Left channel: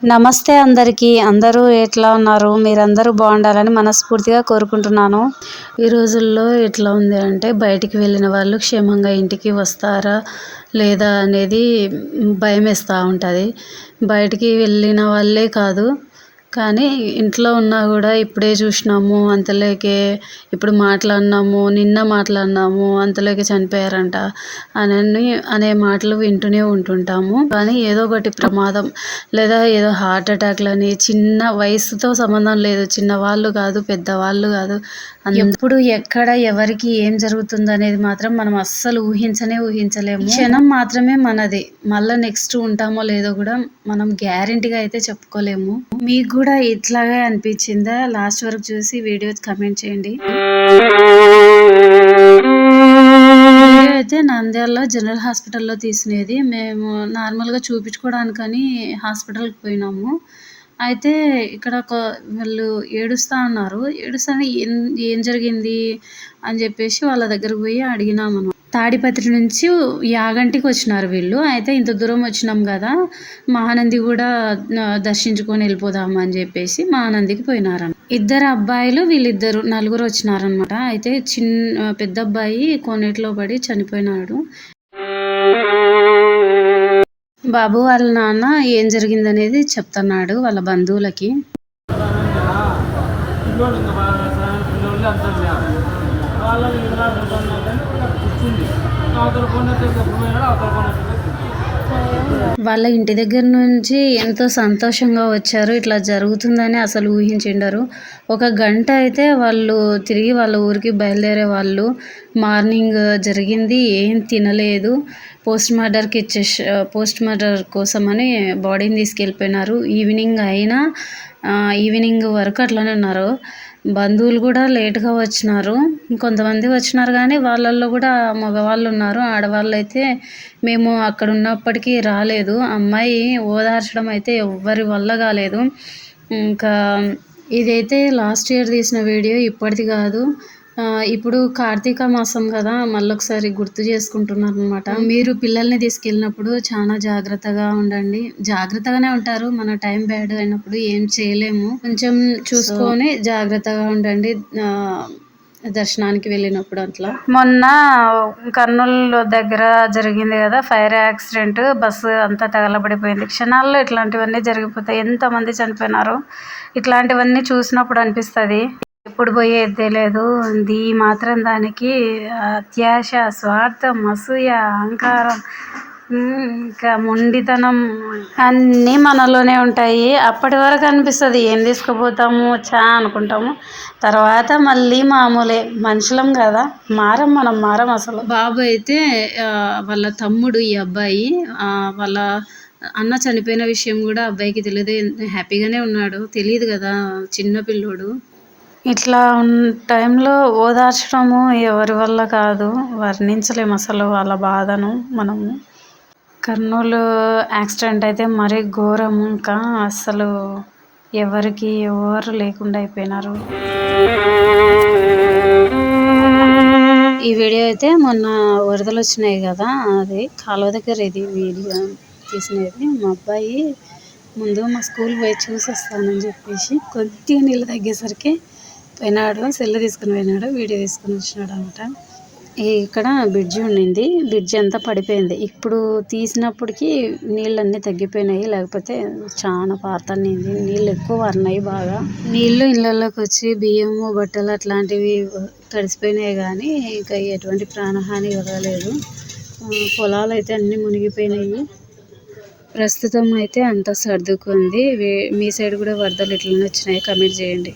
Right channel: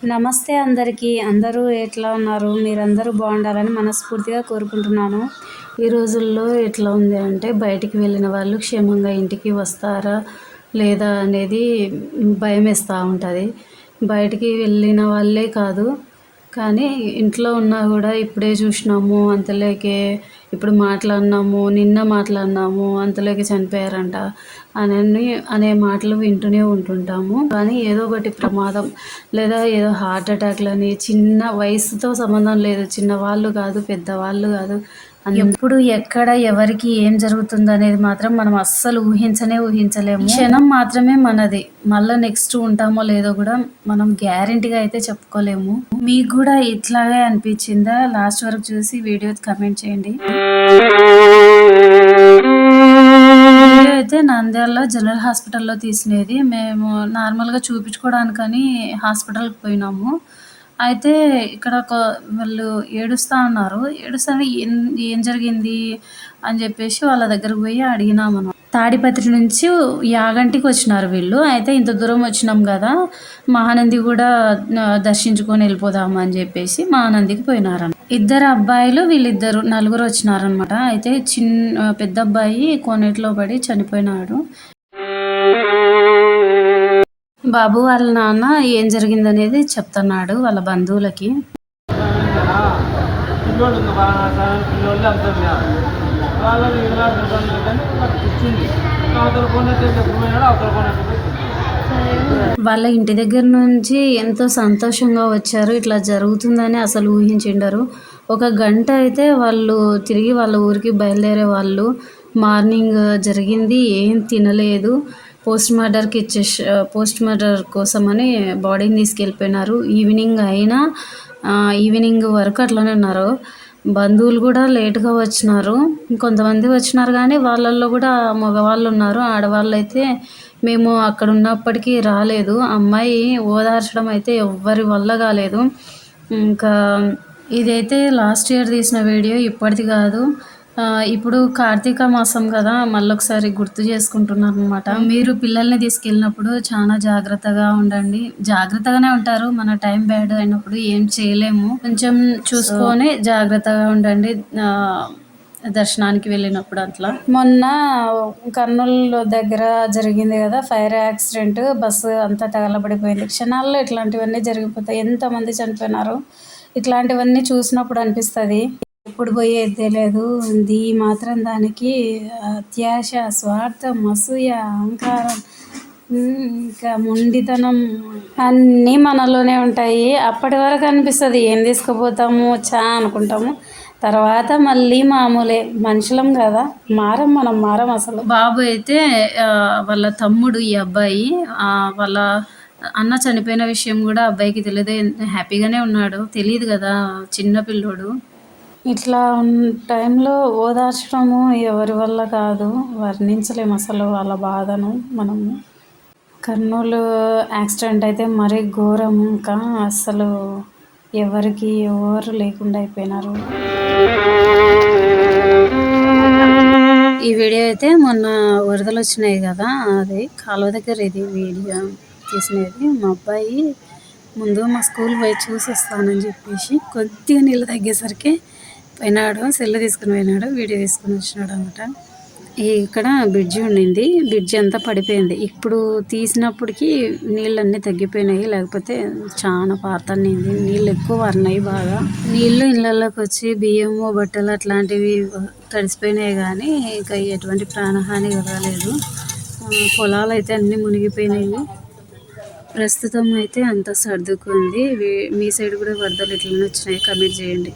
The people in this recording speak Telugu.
నమస్తే అందరికీ. అందరూ ఎట్లా ఉన్నారు? మీరందరూ బాగుండాలని మనస్ఫూర్తిగా కోరుకుంటున్నాను. ఈ రోజుల్లో ఎట్లా ఉంది అంటే బయటికి వెళ్ళిన వాళ్ళు క్షేమంగా ఇంటికి వస్తారా లేదా అనేది భయం వేస్తూ ఉంటుంది. బయటికి వెళ్ళిన వాళ్ళే కాదు కానీ ఇంట్లో ఉన్నా కూడా ఇప్పుడే చూసినాము అంతలోకే ఇప్పుడు మాట్లాడినాము నిన్న మాట్లాడినాము అంతలోకి చనిపోయారంట అని అనే మాటలు వింటూనే ఉంటుంటాము. కానీ ఏదో ఒకటి ప్రమాదం లేదా ఏదో హార్ట్ అటాక్లని చిన్న వయసుతో సంబంధం లేదు. చిన్నవాళ్ళు కాదు పెద్దవాళ్ళు కాదు. ఎప్పుడు ఎక్కడ ఎవరికి ఏం జరుగుతుంది అనేది మాత్రం మనం అస్సలు ఊహించనే ఊహించలేము. క్షణం మాత్రమే మనది. మళ్ళీ నెక్స్ట్ ఉంటామో లేదో కూడా మనం గ్యారంటీగా అయితే చెప్పుకోలేము. మీకు కూడా ఇట్లాగే అనిపించిందా? లాస్ట్ వరకు చూసి వీడియో కమెంట్ చేయండి. అయితే నంద్యాలలో జనరల్ హాస్పిటల్లో తీసినది. మేము నార్మల్గా చూపించుకోవడానికని హాస్పిటల్కి పోయినాము. అయితే ఇక్కడ ఒక వాళ్ళు ఏడుస్తూ ఉన్నారు. ఏడుస్తా ఏం ఏం జరిగింది అని చెప్పేసి వాళ్ళ దగ్గరకు పోయి అడిగినాం మనం తాడిపత్రి నుంచి యాగంటికి వచ్చినారు వీళ్ళు. అయితే ఇంత దూరం వచ్చినాం కదా మహానంది కూడా దర్శించుకొని వెళ్ళిపోదాము అని చెప్పేసి మహానందికి పోయినారని ఇద్దరు అబ్బాయిలు వీళ్ళిద్దరు నలుగురు వచ్చినారనమాట అయితే చిన్న పెద్ద అబ్బాయి కోనేటిలో పడి చనిపోయినాడు. బాబు వాళ్ళ నాన్న ఏం జరిగిందనేది చెప్తున్నాడు వాళ్ళ బంధువులకి. వాళ్ళని ఇలా చూడండి అంటే కూర్చుంది అవతల కొండ ఎప్పుడు అవతల కొన్నట్టు వాళ్ళ ఇంటి దగ్గర నుంచి ఎంతో సంతోషంగా వచ్చారు. ఇట్లా జరుగుతుందని అసలు ఊహించిండరు. ఒక గంట అయితే వాళ్ళు తిరిగి వాళ్ళ ఊరికి బయలుదేరే వాళ్ళు మార్నింగ్ జరిగింది ఏం తినలేదు పోస్ట్ మార్టర్కి ఇచ్చేసి పోస్ట్ మార్టం కోసమని బాడీని తీసుకెళ్ళిపోయినారు. ఈవినింగ్ అయినా ఈవినింగ్ వరకు అట్లానే ఉన్నారు. బంధువులు కూడా లేట్గా వచ్చినారు. కొంతమంది వచ్చినారు కానీ వాళ్ళల్లో కూడా మగవాళ్ళు ఉన్నారు ఆడవాళ్ళు అయితే మేము అక్కడ ఉన్నప్పటికీ రాలేదు. అమ్మాయి ఓదార్చడం అయితే ఎవ్వరి వల్ల కాలేదు. ఇంకా ఇదైతే లాస్ట్ ఇయర్ తీసిన వీడియో ఇప్పటిది కాదు. ఇప్పుడు కార్తీక మాసం కదా మళ్ళొకసారి గుర్తు చేసుకుంటున్నాను అనమాట మీరు పిల్లల్ని తీసుకెళ్ళినప్పుడు చాలా జాగ్రత్తగా ఉండండి. జాగ్రత్తగానే ఉంటారు మన టైం బ్యాడ్ అయినప్పుడు ఏం చేయలేము. కొంచెం చూసుకొని జాగ్రత్తగా ఉండండి దర్శనానికి వెళ్ళినప్పుడు అట్లా. మొన్న కర్నూలు దగ్గర జరిగింది కదా ఫైర్ యాక్సిడెంట్ బస్సు అంతా తగలబడిపోయింది. క్షణాల్లో ఇట్లాంటివన్నీ జరిగిపోతాయి. ఎంతమంది చనిపోయినారు? ఇట్లాంటివన్నీ చూసినప్పుడు అనిపిస్తుంది. ఎప్పుడు పోయేది లేదు. ఈ మాత్రం దానికి అత్యాశ స్వార్థం అసూయ అహంకారం ఇంకా మొండితనం అన్నీ మనలోనే ఉంటాయి. అప్పటి వరకు అనిపిస్తుంది ఏం తీసుకుపోతాము? చా అనుకుంటాము. తర్వాత మళ్ళీ మామూలే మనుషులం కదా. మారం మనం మారం అసలు. బాబు అయితే వాళ్ళ తమ్ముడు ఈ అబ్బాయి వాళ్ళ అన్న చనిపోయిన విషయం కూడా అబ్బాయికి తెలియదు హ్యాపీగానే ఉన్నాడు. తెలియదు కదా చిన్న పిల్లోడు. ఇట్లా టైంలో ఓదార్చడము ఎవరి వల్ల కాదు. వర్ణించలేము అసలు వాళ్ళ బాధను మనము కర్నూలు యాక్సిడెంట్ అయితే మరీ ఘోరం. ఇంకా అసలు ఎవరికి ఎవరు లేకుండా అయిపోయినారు. ఈ వీడియో అయితే మొన్న వరదలు వచ్చినాయి కదా అది కాలువ దగ్గర ఇది వీడియో తీసినది. మా అబ్బాయి ముందు మా స్కూల్ పోయి చూసి వస్తానని చెప్పేసి కొద్దిగా నీళ్ళు తగ్గేసరికి పోయినాడు సెల్ తీసుకుని పోయినాడు వీడియో తీసుకుని వచ్చినాడు అనమాట. ఇక్కడ బ్రిడ్జి ఉండింది బ్రిడ్జి అంతా పడిపోయింది. ఇప్పుడు తీసినప్పటికీ నీళ్ళన్నీ తగ్గిపోయినాయి లేకపోతే చాలా పాత నీళ్ళు ఎక్కువ అన్నాయి బాగా. నీళ్ళు ఇళ్ళల్లోకి వచ్చి బియ్యము బట్టలు అట్లాంటివి తడిసిపోయినాయి కానీ ఇంకా ఎటువంటి ప్రాణహాని కలగలేదు పొలాలు అయితే అన్నీ మునిగిపోయినాయి. ప్రస్తుతం అయితే అంతా సర్దుకుంది. మీ సైడ్ కూడా వరదలు ఎట్లనే వచ్చినాయి. కమెంట్ చేయండి.